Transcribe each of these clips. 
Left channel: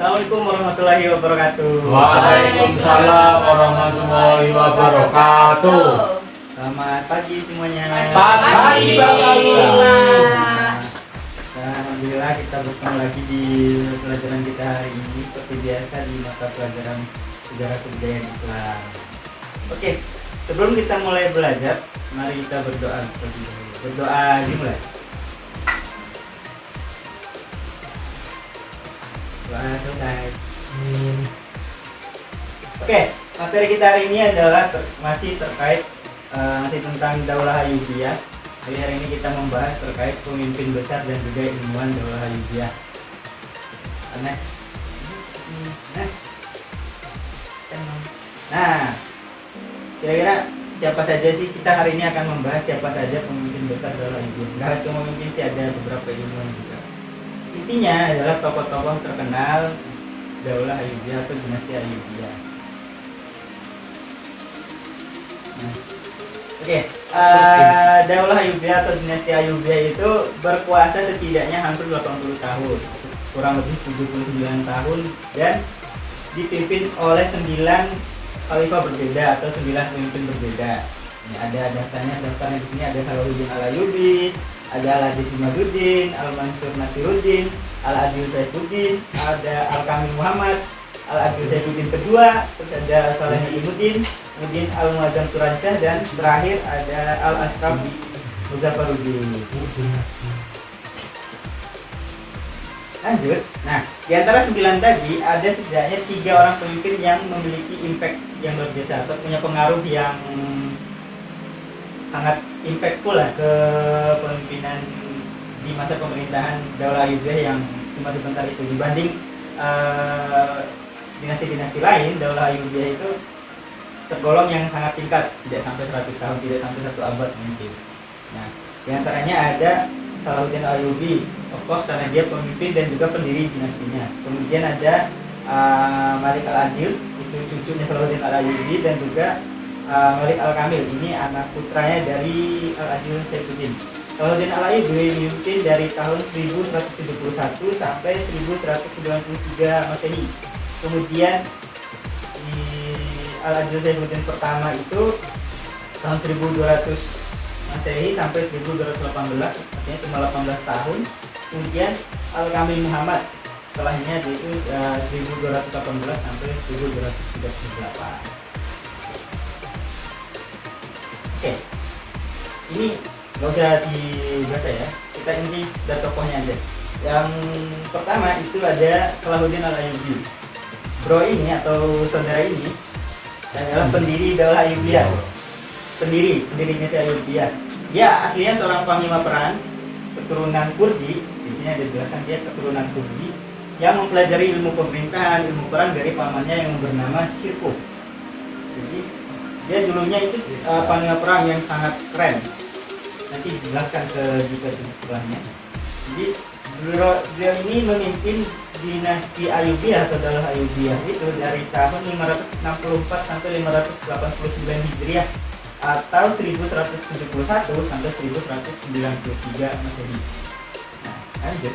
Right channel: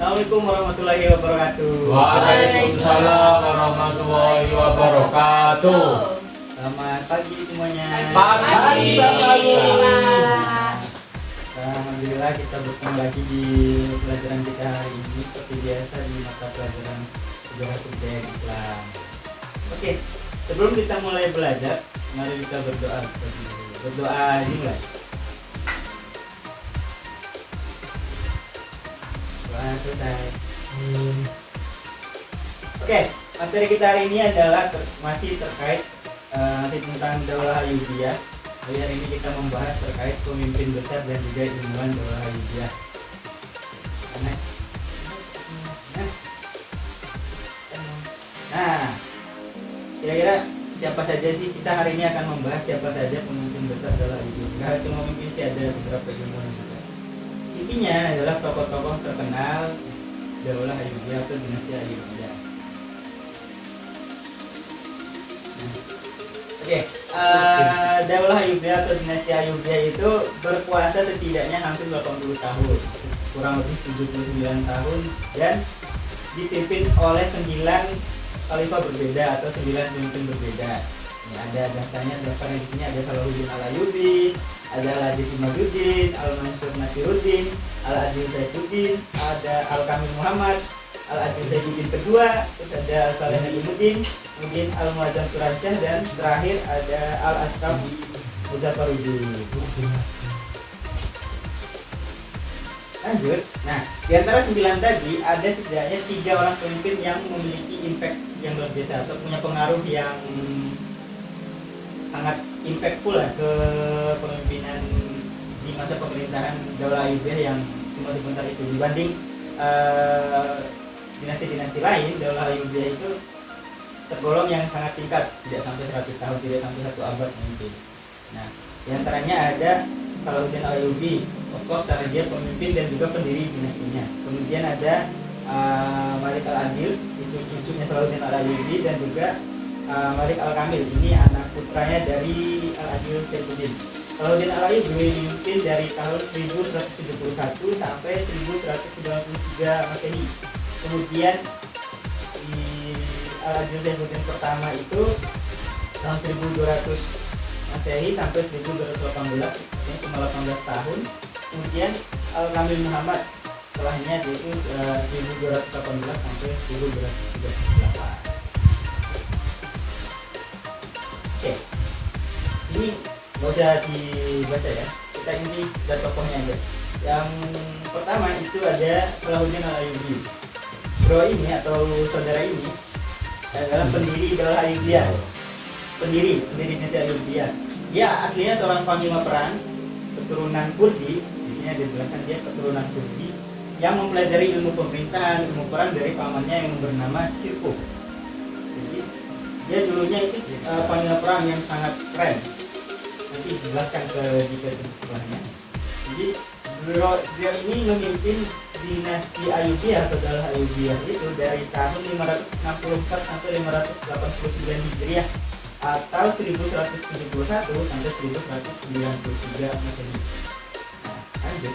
Assalamualaikum warahmatullahi wabarakatuh. Waalaikumsalam warahmatullahi wabarakatuh. Selamat pagi semuanya. Pagi, Bapak Guru. Alhamdulillah kita bertemu lagi di pelajaran kita hari ini seperti biasa di mata pelajaran sejarah kebudayaan Islam. Oke, sebelum kita mulai belajar, mari kita berdoa terlebih dahulu. Berdoa dimulai. Doa selesai. Oke, materi kita hari ini adalah masih terkait masih tentang Daulah Ayyubiyah. Jadi hari ini kita membahas terkait pemimpin besar dan juga ilmuwan Daulah Ayyubiyah. Nah, kira-kira siapa saja sih, kita hari ini akan membahas siapa saja pemimpin besar Daulah Ayyubiyah. Enggak cuma mungkin sih, ada beberapa ilmuwan juga. Intinya adalah tokoh-tokoh terkenal Daulah Ayyubiyah atau dinasti Ayyubiyah. Daulah Ayyubiyah atau dinasti Ayyubiyah itu berkuasa setidaknya hampir 80 tahun, kurang lebih 79 tahun, dan dipimpin oleh 9 khalifah berbeda atau 9 pemimpin berbeda. Ini ada daftarnya di sini, ada Salahuddin Al-Ayyubi, ada Al-Adis Imaduddin, Al-Mansur Nasiruddin, Al-Adil Saifuddin, ada Al-Kamil Muhammad, Al-Adil Saifuddin kedua, terus ada Al-Saleh Imuddin, kemudian Al-Muazzam Turansyah, dan terakhir ada Al-Ashraf Muzaffaruddin. Lanjut. Nah, di antara 9 tadi ada setidaknya 3 orang pemimpin yang memiliki impact yang luar biasa atau punya pengaruh yang sangat impactful lah ke pemimpinan di masa pemerintahan Daulah Ayyubiyah yang cuma sebentar itu. Dibanding dinasti-dinasti lain, Daulah Ayyubiyah itu tergolong yang sangat singkat, tidak sampai 100 tahun, tidak sampai 1 abad memimpin. Nah, di antaranya ada Salahuddin Ayyubi, of course karena dia pemimpin dan juga pendiri dinastinya. Kemudian ada Malik Al-Adil, itu cucunya Salahuddin Al-Ayyubi, dan juga Malik Al-Kamil, ini anak putranya dari Al-Adil Saifuddin. Salahuddin Al-Ayyubi memimpin dari tahun 1171 sampai 1193 Masehi. Kemudian di Al-Adil Saifuddin pertama itu tahun 1200 Masehi sampai 1218, artinya cuma 18 tahun. Kemudian Al-Kamil Muhammad setelahnya itu 1218 sampai 1238. Oke, ini nggak usah dibaca ya, kita inti dari tokohnya aja. Yang pertama itu ada Salahuddin Al-Ayyubi. Bro ini atau saudara ini adalah pendiri Daulah Ayyubiyah, pendiri dinasti Ayyubiyah. Dia aslinya seorang panglima perang keturunan Kurdi. Di sini ada jelasan dia keturunan Kurdi yang mempelajari ilmu pemerintahan, ilmu perang dari pamannya yang bernama Shirkuh. Jadi dia dulunya itu panglima perang yang sangat keren. Nanti dijelaskan ke juga setelahnya. Jadi beliau ini memimpin dinasti Ayyubiyah atau Daulah Ayyubiyah itu dari tahun 564 sampai 589 Hijriah atau 1171 sampai 1193 Masehi. Nah, lanjut.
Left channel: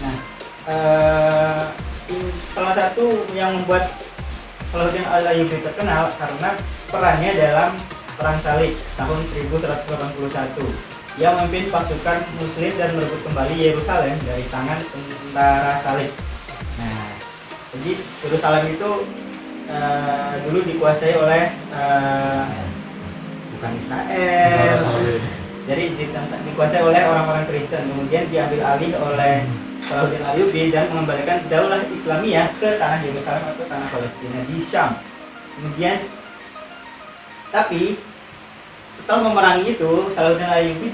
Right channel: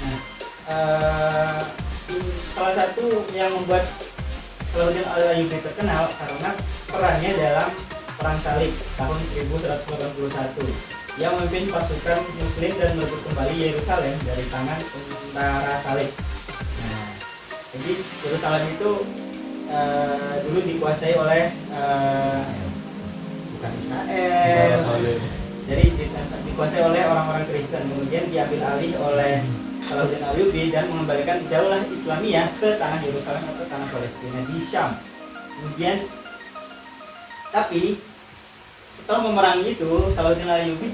Nah, salah satu yang membuat Salahuddin Al-Ayyubi terkenal karena perannya dalam Perang Salib tahun 1181. Ia memimpin pasukan Muslim dan merebut kembali Yerusalem dari tangan tentara Salib. Nah, jadi Yerusalem itu dulu dikuasai oleh bukan Israel, jadi dikuasai oleh orang-orang Kristen. Kemudian diambil alih oleh Salahuddin Ayyubi dan mengembalikan Daulah Islamiyah ke tanah Yerusalem atau tanah Palestina di Syam. Kemudian, tapi setelah memerangi itu, Salahuddin Ayyubi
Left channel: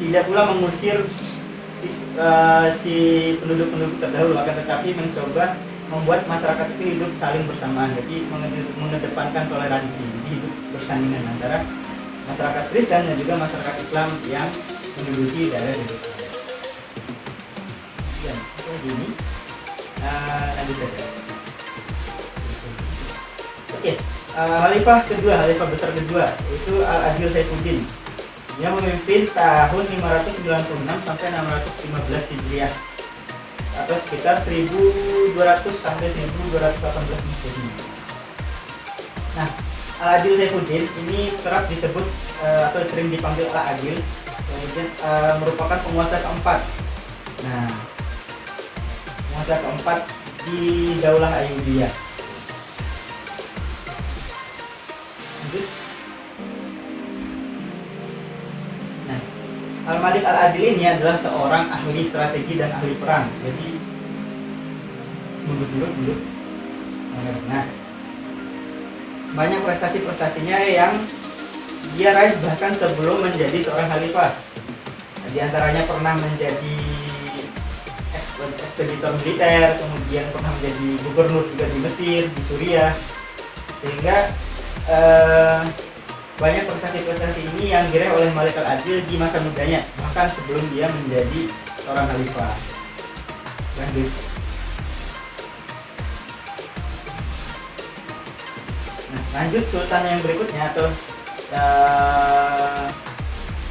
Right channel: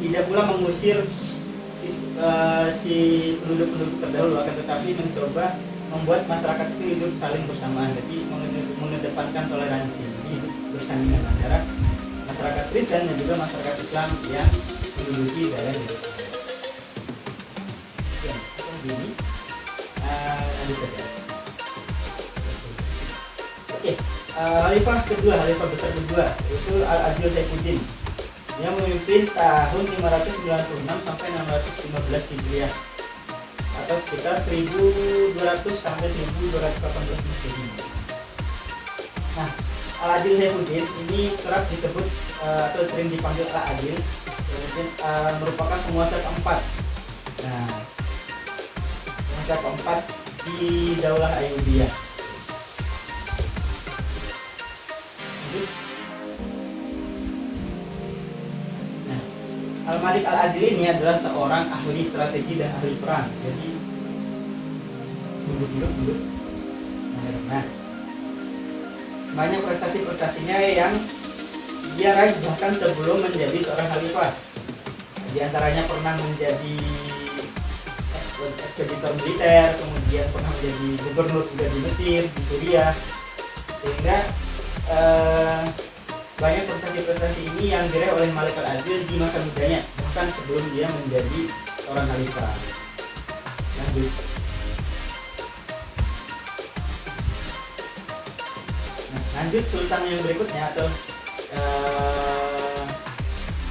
tidak pula mengusir si penduduk-penduduk terdahulu, akan tetapi mencoba membuat masyarakat itu hidup saling bersamaan. Jadi mengedepankan toleransi, hidup bersandingan antara masyarakat Kristen dan juga masyarakat Islam yang menduduki daerah Yerusalem. Ini lanjut saja. Oke, khalifah kedua, khalifah besar kedua itu Al-Adil Saifuddin. Dia memimpin tahun 596 sampai 615 Hijriah atau sekitar 1200 sampai 1218 Masehi. Nah, Al-Adil Saifuddin ini kerap disebut atau sering dipanggil Al-Adil, kemudian merupakan penguasa keempat. Nah, penguasa keempat di Daulah Ayyubiyah. Lanjut. Nah, Al-Malik Al-Adil ini adalah seorang ahli strategi dan ahli perang. Jadi mundur. Nah, banyak prestasi-prestasinya yang dia raih bahkan sebelum menjadi seorang khalifah. Di antaranya pernah menjadi ekspeditor militer, kemudian pernah menjadi gubernur juga di Mesir, di Suriah, sehingga banyak prestasi-prestasi ini yang diraih oleh Malik Al-Adil di masa mudanya, bahkan sebelum dia menjadi seorang khalifah. Lanjut. Nah, lanjut sultan yang berikutnya atau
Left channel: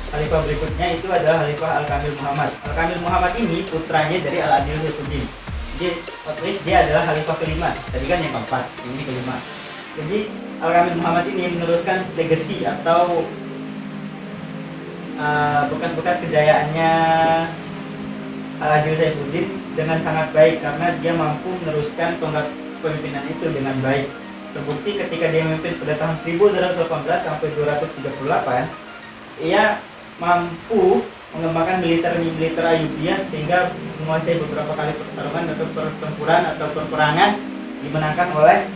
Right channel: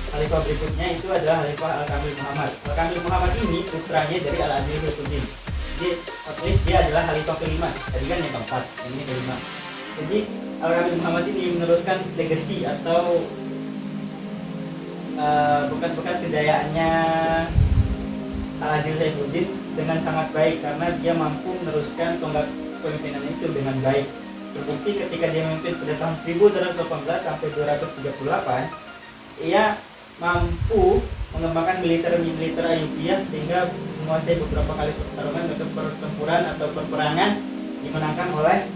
khalifah berikutnya itu adalah Khalifah Al-Kamil Muhammad. Al-Kamil Muhammad ini putranya dari Al-Adil Saifuddin. Jadi otomatis dia adalah khalifah kelima. Tadi kan yang keempat, ini kelima. Jadi Al-Kamil Muhammad ini meneruskan legacy atau bekas-bekas kejayaannya Al-Adil Saifuddin dengan sangat baik karena dia mampu meneruskan tonggak kepemimpinan itu dengan baik. Terbukti ketika dia memimpin pada tahun 1218 sampai 238, ia mampu mengembangkan militer Ayyubiyah sehingga menguasai beberapa kali pertarungan atau pertempuran atau peperangan dimenangkan oleh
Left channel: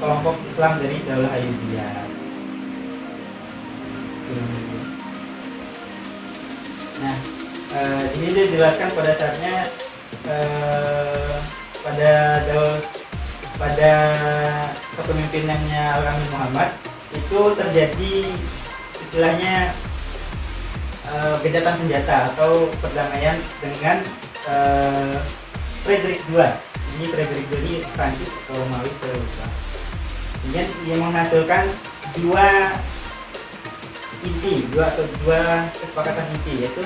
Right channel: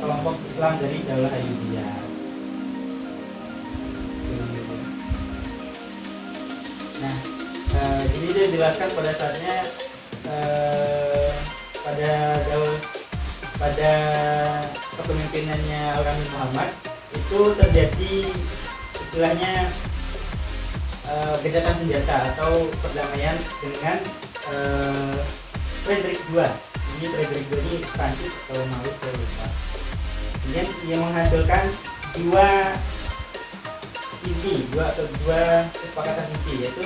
kelompok Islam dari Daulah Ayyubiyah. Nah, ini dia jelaskan pada saatnya pada kepemimpinannya Al-Kamil Muhammad itu terjadi istilahnya gencatan senjata atau perdamaian dengan Frederick II. Ini Frederick II ini Prancis atau Romawi saya lupa. Kemudian dia menghasilkan dua kesepakatan inti, yaitu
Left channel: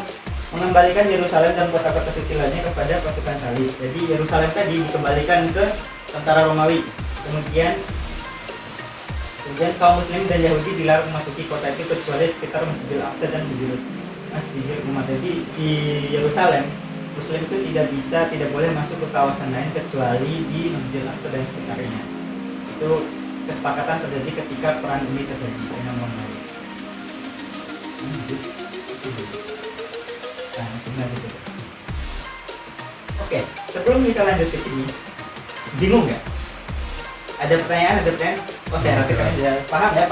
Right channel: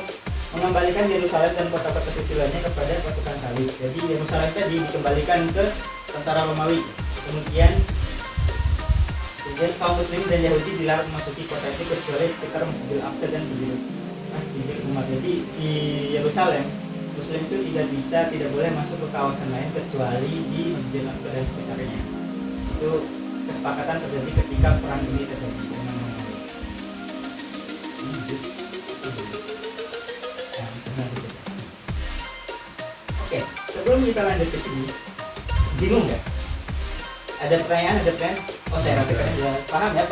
mengembalikan Yerusalem dan kota-kota suci lainnya kepada pasukan salib. Jadi Yerusalem tadi dikembalikan ke tentara Romawi. Kemudian kaum Muslim dan Yahudi dilarang memasuki kota itu kecuali sekitar Masjidil Aqsa dan Masjidil Umat. Jadi di Yerusalem Muslim itu tidak boleh masuk ke kawasan lain kecuali di Masjidil Aqsa dan sekitarnya. Itu kesepakatan terjadi ketika perang ini terjadi dengan Romawi. Oke, sebelum kita lanjut ke sini, bingung nggak? Ada pertanyaan? Oh, saya rasakan aja. Paham ya?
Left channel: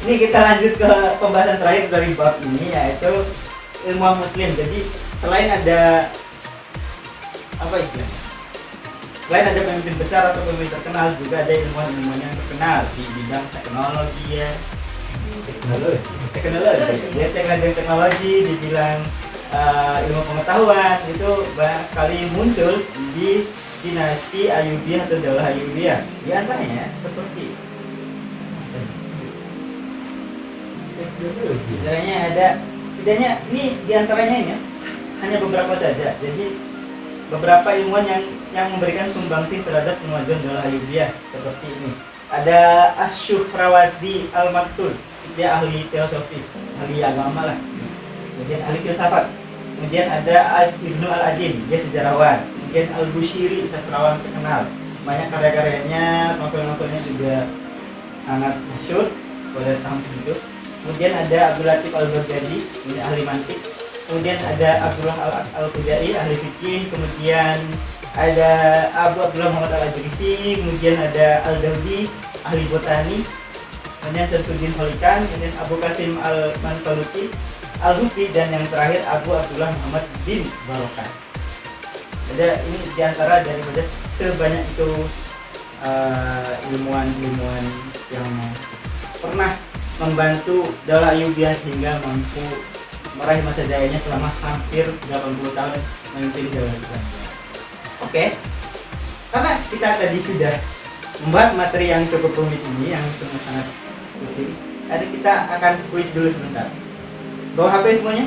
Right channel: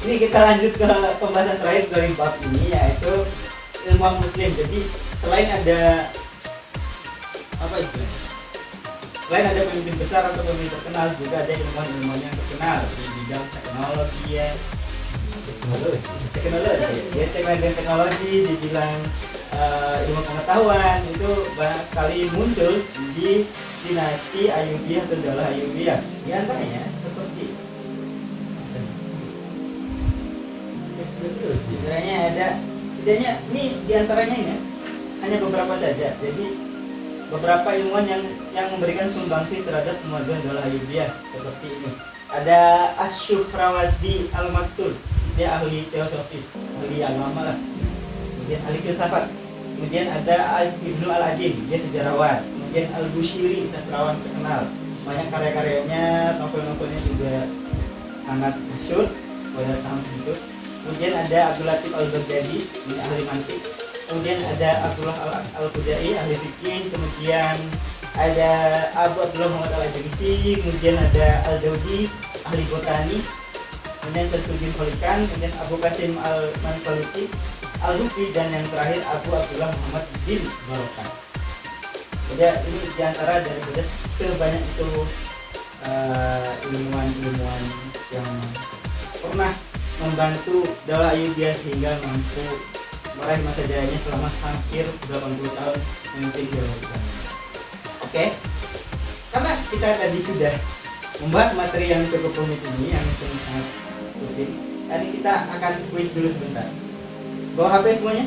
Ini kita lanjut ke pembahasan terakhir dari bab ini, yaitu ilmuwan Muslim. Jadi selain ada apa istilahnya? Selain ada pemimpin besar atau pemimpin terkenal, juga ada ilmuwan-ilmuwan yang terkenal di bidang teknologi ya. Teknologi dibilang ilmu pengetahuan itu banyak sekali muncul di dinasti Ayyubiyah atau Daulah Ayyubiyah. Di antaranya seperti sebenarnya ada setidaknya ini di antaranya ini hanya beberapa saja. Jadi beberapa ilmuwan yang memberikan sumbangsih terhadap kemajuan Daulah Ayyubiyah seperti ini. Ada Asy-Syuhrawadi Al-Maktul, dia ahli teosofis, ahli agama lah. Kemudian ahli filsafat. Kemudian ada Ibnu Al-Ajin, dia sejarawan. Kemudian Al-Bushiri, sastrawan terkenal. Banyak karya-karyanya, novel-novelnya juga sangat masyhur pada tahun segitu. Kemudian ada Abdul Latif Al-Baghdadi, ini ahli mantik. Kemudian ada Abdullah Al-Khuzai, ahli fikih. Kemudian ada Abu Abdullah Muhammad Al-Ajrisi. Kemudian ada Al-Daudi, ahli botani. Kemudian Syamsuddin Kholikan. Kemudian Abu Qasim Al-Mansaluti Al-Husi, dan yang terakhir Abu Abdullah Muhammad bin Barokah. Jadi ini diantara daripada sebanyak itu ilmuwan-ilmuwan yang pernah membantu Daulah Ayyubiyah sehingga mampu meraih masa jayanya selama hampir 80 tahun memimpin Daulah Ayyubiyah. Oke, karena kita tadi sudah membahas materi yang cukup rumit ini, yang sangat pusing. Hari kita akan kuis dulu sebentar. Bawa HP semuanya?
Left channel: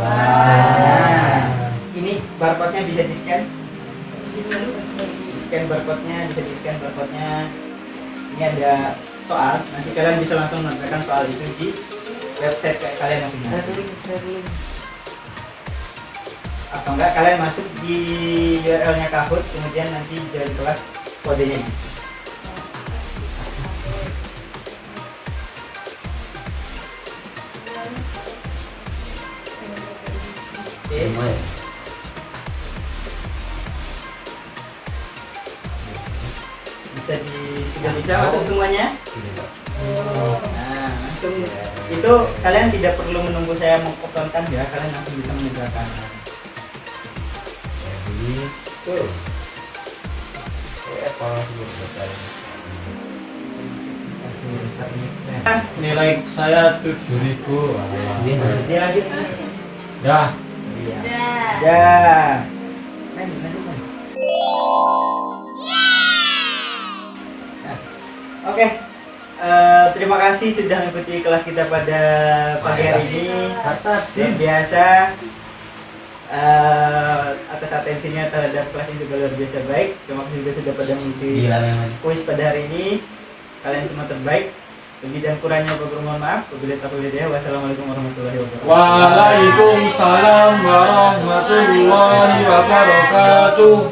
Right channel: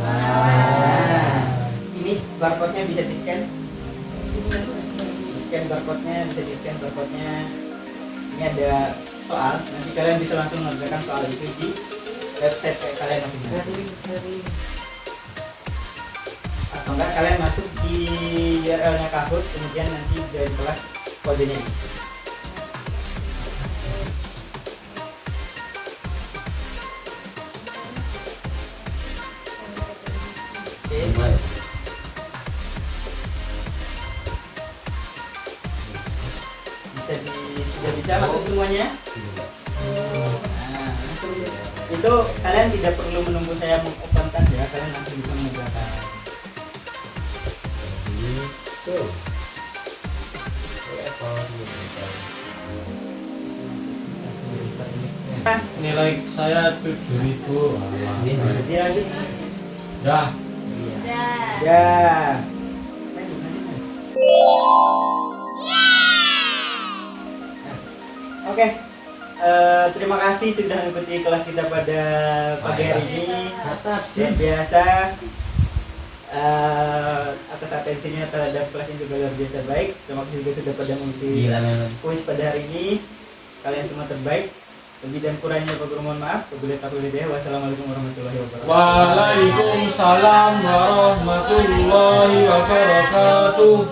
Nah, ini barcode-nya bisa di-scan. Di-scan barcode-nya, bisa di-scan barcode-nya. Ini ada soal, nanti kalian bisa langsung mengerjakan soal itu di website kayak kalian masing-masing. Atau enggak kalian masuk di URL-nya Kahoot, kemudian nanti dari kelas kodenya ini. Oke. Sudah bisa masuk semuanya? Nah, langsung itu kalian tidak perlu menunggu saya mengopenkan ya, kalian langsung bisa mengerjakan. Nilai saya 7.000. Dia lagi. Dah. Ya. Lanjut. Nah, oke. Terima kasih sudah mengikuti kelas kita pada pagi hari ini. Luar biasa. Atas atensinya terhadap kelas ini juga luar biasa baik. Terima kasih juga sudah pada mengisi kuis pada hari ini. Kalian semua terbaik. Lebih dan kurangnya mohon maaf. Wabillahi taufiq wal hidayah. Wassalamualaikum warahmatullahi wabarakatuh. Waalaikumsalam warahmatullahi wabarakatuh.